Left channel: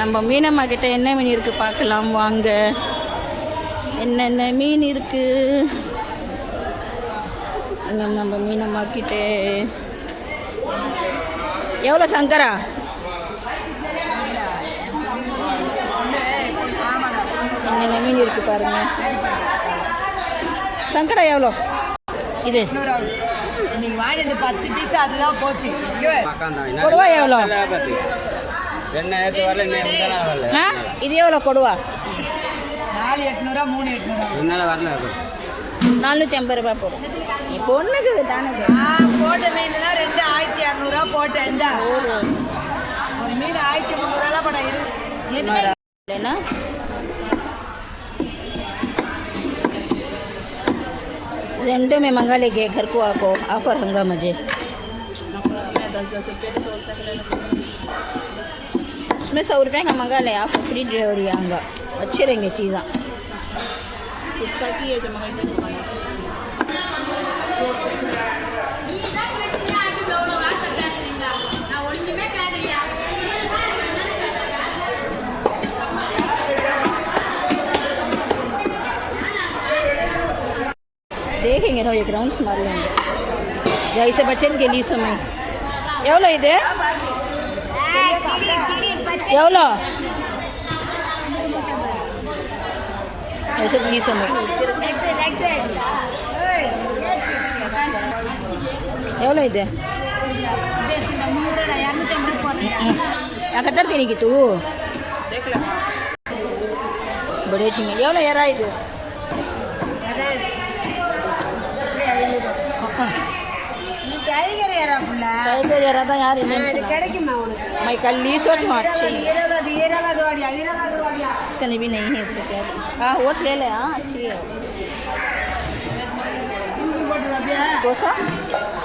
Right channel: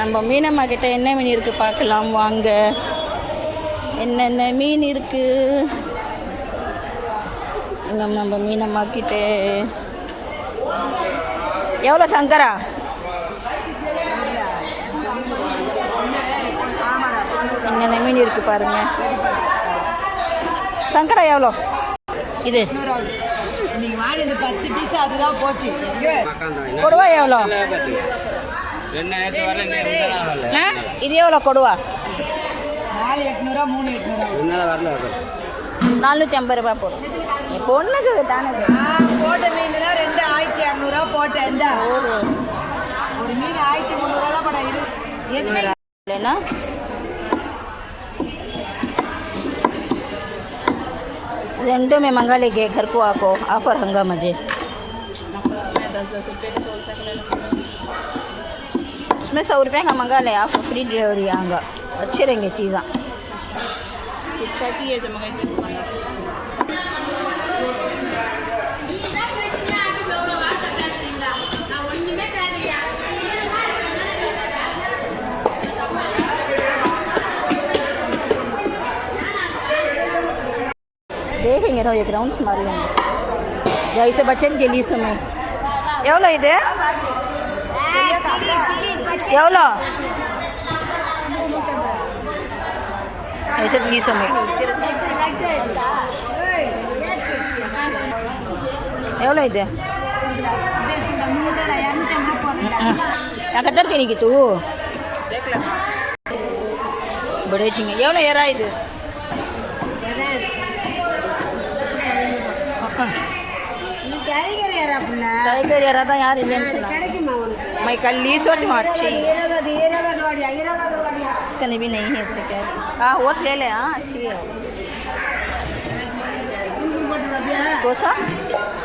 நம்ம மீனம்மா கிட்ட என்ன மீன் இருக்குது பார்க்கலாம் வாங்க. என்னென்ன மீன் இருக்குது நம்ம மீனம்மா கிட்ட? எவ்வளோ சங்கரா? என்னென்ன மீன் இருக்குது பாருங்கள். சங்கரா எவ்வளோ இது? கொடுவா எவ்வளோ? இது எவ்வளோ கொடுவா? 450 ரூபா போடும். இப்போ ஒன்றுக்கு தானே போட்ட மீன்லாம் 2500 போட்டேன். ஒரு மீன் 1300 लेना। जेंडो में मंगा लेंगे घर को आको ऑफर हंगा मुझे उसमें 100 रुपये का मंगा ले आप फ्री डिलीवरी आऊँगा अच्छे रहेंगे चीज़ा देखेंगे ना ये ग्राउंड्स मार लेंगे जैसे बच्चे के लिए समय एवलो इधे एवलो ऐसे के समय एवलो इधे कतर के नहीं तू बड़े चिंगे एवलो यार इधे टाइगर यार था यार मैं कल ली सोच अच्छी इसका भी नहीं है तो क्या हाँ वो ले ले हाँ अच्छी है 200